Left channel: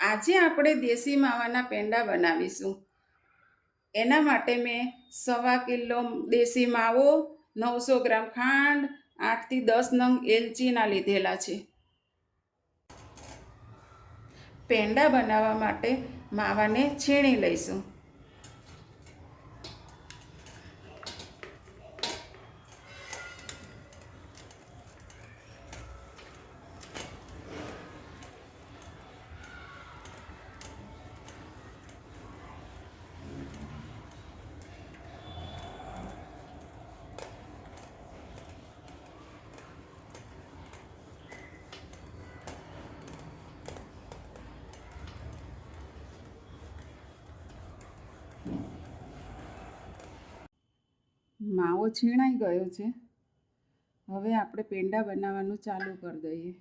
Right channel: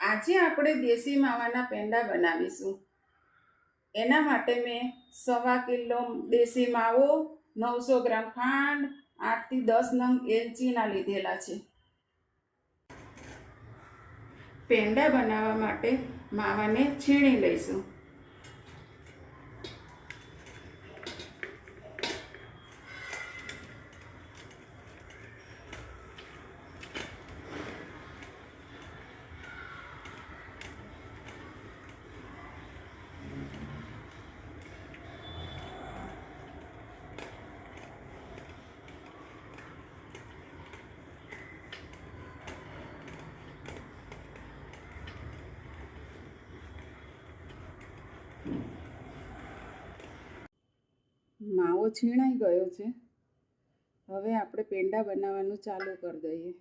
આજે આપણે દેશી માવાના પેંડા બનાવીશું. એના માટે મેં 1.25 કિલો દેશી માવો, 900 ગ્રામ ખાંડ, 8 થી 10 નંગ એલચીના લીધેલા છે. પેંડા બનાવવા માટે માવાને છીણી લઈશું. માવો છીણાઈ ગયો છે. હવે આપણે પેંડા બનાવવાનું ચાલુ કરી દઈએ.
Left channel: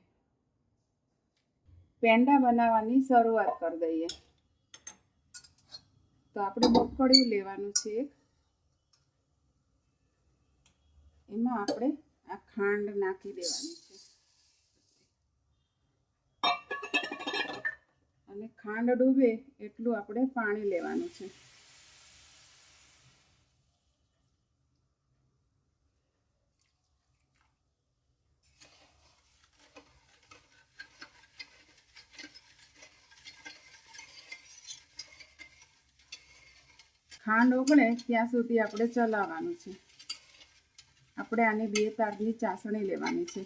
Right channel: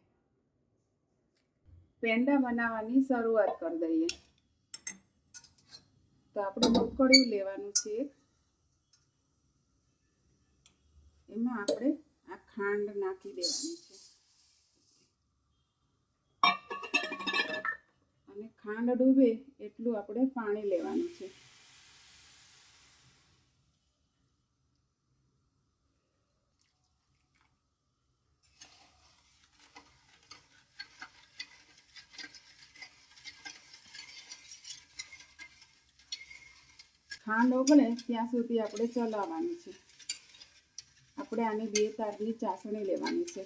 પેંડા બનાવવાની શરૂઆત કરી દઈએ. તો આપણે બફળિયું લેવાનું છે. એમાં આપણે આ ખાંડ નાખી દેવાની છે અને ખાંડ ડૂબે એટલું આપણે પાણી લેવાનું છે. ખાંડ ઓગળે ત્યાં સુધી આપણે ચલાવવાનું છે. આપણે આની 2 તારની ચાસણી લેવાની છે.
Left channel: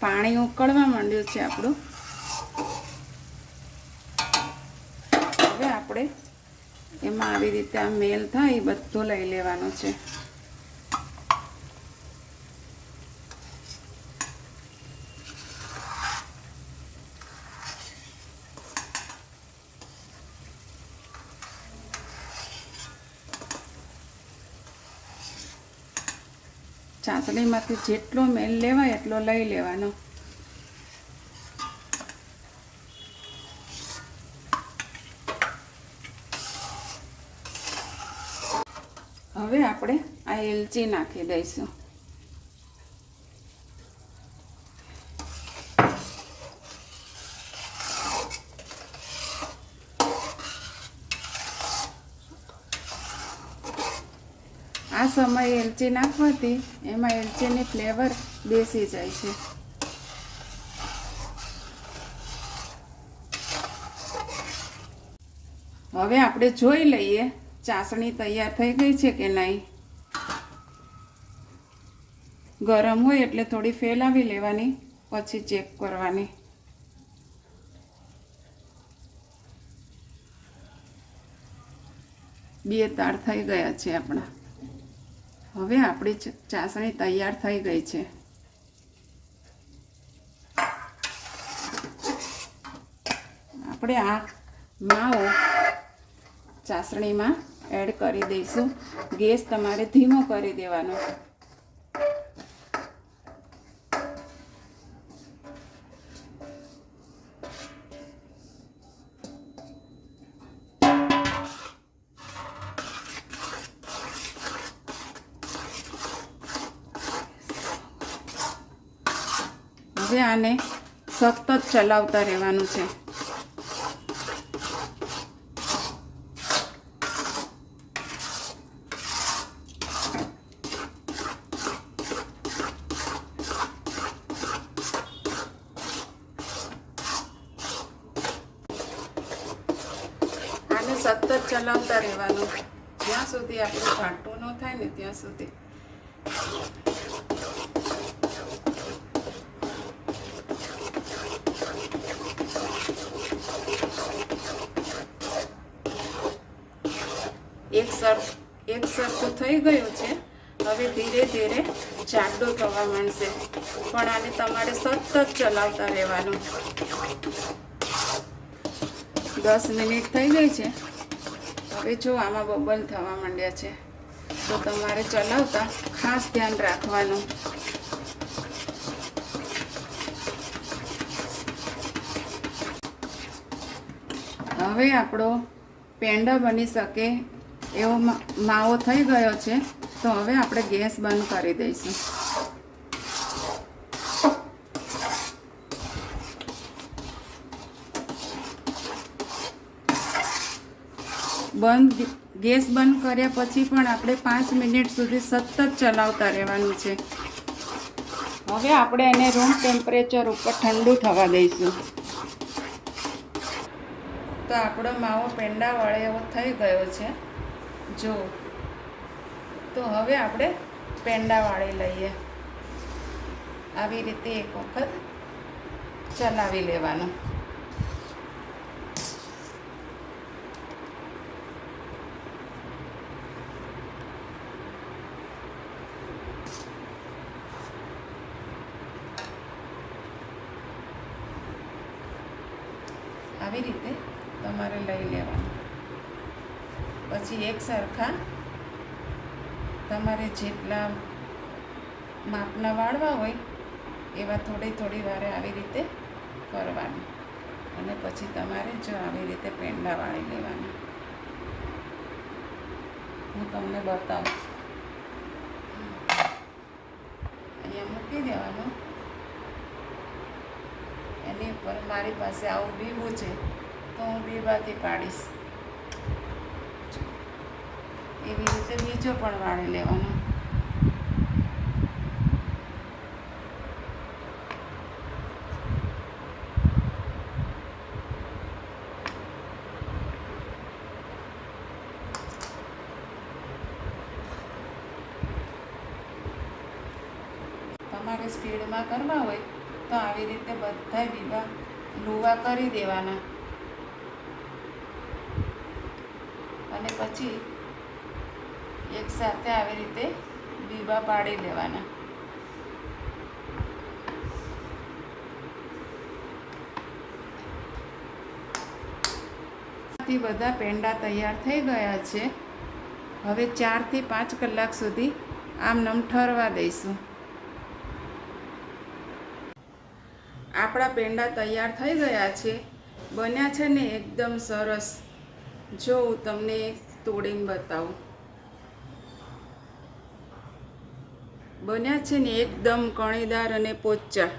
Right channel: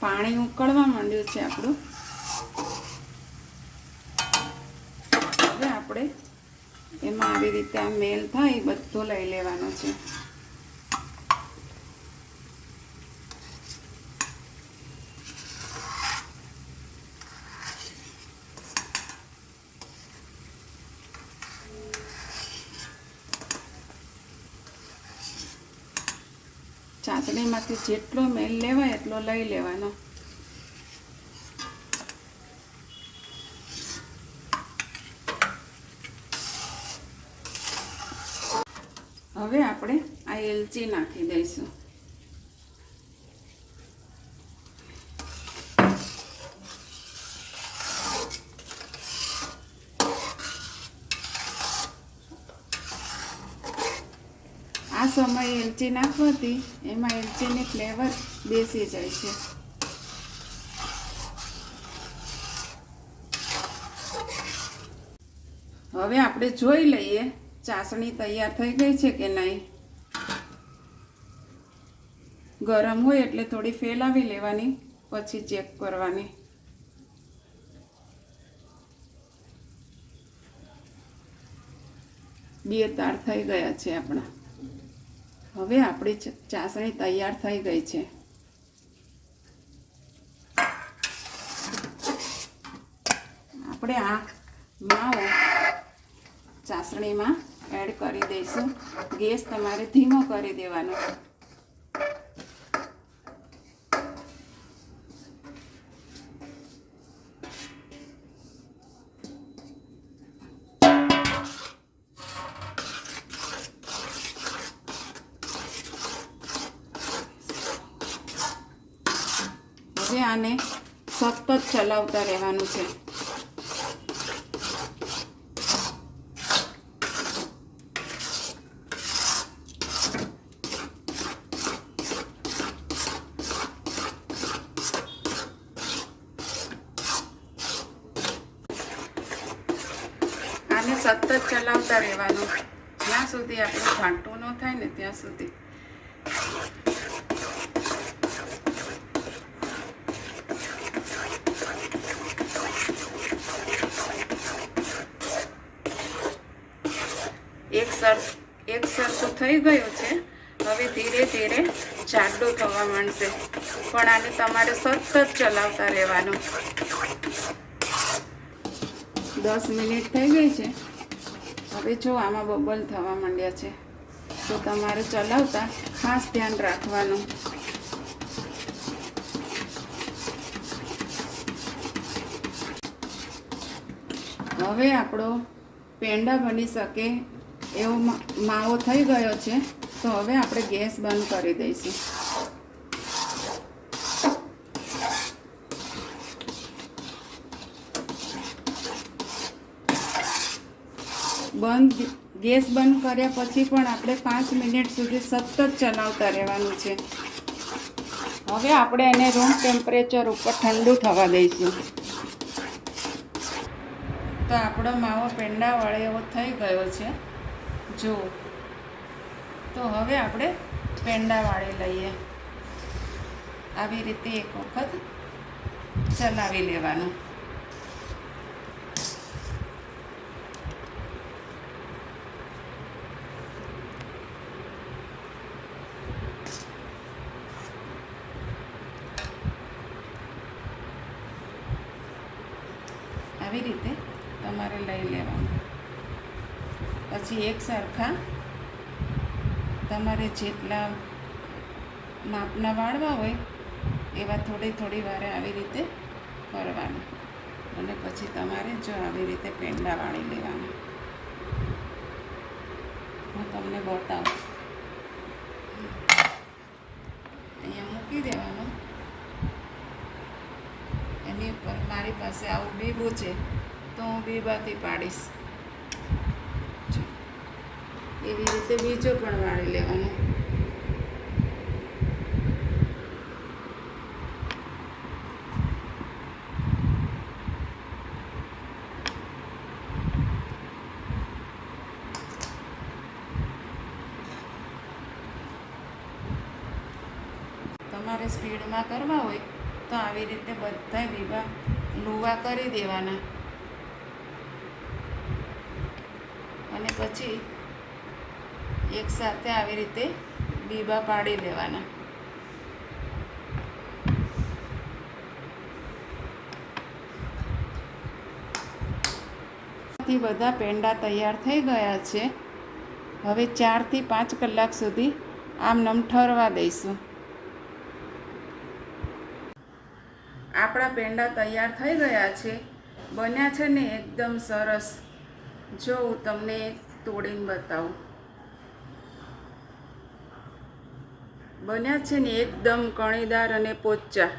પાણી ઉકળવા માંડ્યું છે આપણું. હવે આપણે એમાં આવી રીતે આ મેલ થાય બધું લઈ લેવાનું છે. ચાસણીમાંથી જેટલો મેલ લેવાય એટલો લઈ લેવાનો. હવે આપણે આ એલચી નાખી દઈશું. આ સમયે એલચી નાખવાથી એમાં એલચીની ફ્લેવર બેસી જાય છે. હવે આપણે જોઈ લઈએ ચાસણી તૈયાર થઈ ગઈ છે કે નહીં. ગરમ હોય એટલે થોડી ફેલાવી લેવાની, પછી ચેક કરવાની. બે તાર થઈ ગયા છે આપણા. હવે આપણી ચાસણી તૈયાર થઈ ગઈ છે. આપણે આ માવો ચાસણીમાં એડ કરી દઈશું. ગેસ તમારે ધીમો કરી દેવાનો. હવે આને સતત ચલાવતા રહેવાનું છે. આને સતત ચલાવતા રહેવાનું જ્યાં સુધી આપણું ઘાટું ન થાય ને ત્યાં સુધી. એક સરખું થઈ ગયું છે. હવે ધીરે ધીરે જાડું થવા માંડશે, પણ આને તમારે સતત ચલાવતા રહેવાનું. 10 મિનિટ થઈ ગઈ છે. હવે જો આમાં બબલ થવા માંડ્યા છે તો તમારે ચલાવતા ખાસ ધ્યાન રાખવાનું. હવે આપણો પેંડા બની શકે એવો માવો થઈ ગયો છે. તો હવે આપણે ગેસ બંધ કરી દઈશું. ગેસ બંધ કર્યા પછી પણ આપણે 5 મિનિટ સુધી સતત ચલાવતા રહેવાનું છે. હવે આપણે એને રૂમ ટેમ્પરેચર ઉપર ઠંડુ થવા દઈશું. તો આપણો માવો પેંડા વળે એવો થઈ ગયો છે. જો તો હવે આપણે પેંડા વાળી લઈએ. આવી રીતે એક વખત ચલાવી લેવાનું. આવી રીતે તમારે લઈ લેવાનું. પછી એક સરખા તમારે જેટલા માપના વાળવા હોય એવા થોડી વારે આવી રીતે કરવાનું. અને પછી તમારે જો આવી રીતે પેંડા વાળી લેવાના. હું તમને બતાવું. અહીંયા મૂકી દેવાનું. એની ઉપર મારી પાસે આવું બીબું છે તો હું બીબાથી પાડીશ. એવી રીતે બીજો પણ વાળી લેવાનો. તમારે સ્પીડમાં કરવા હોય તો આવી રીતે બધા બીબા લુવા કરી દેવાના. અને પછી એક સાથે આવી રીતે બીબા પાડી લેવાના. બધા પેંડા તૈયાર થઈ ગયા છે. હવે 4 થી 5 કલાક સુધી આમનામ ઠરવા દઈશું. આપણા પેંડા તૈયાર થઈ ગયા છે. બન્યા છે ને એકદમ સરસ. જો હું તમને તોડીને બતાવું. બન્યા છે ને એકદમ કણીદાર અને પોચા.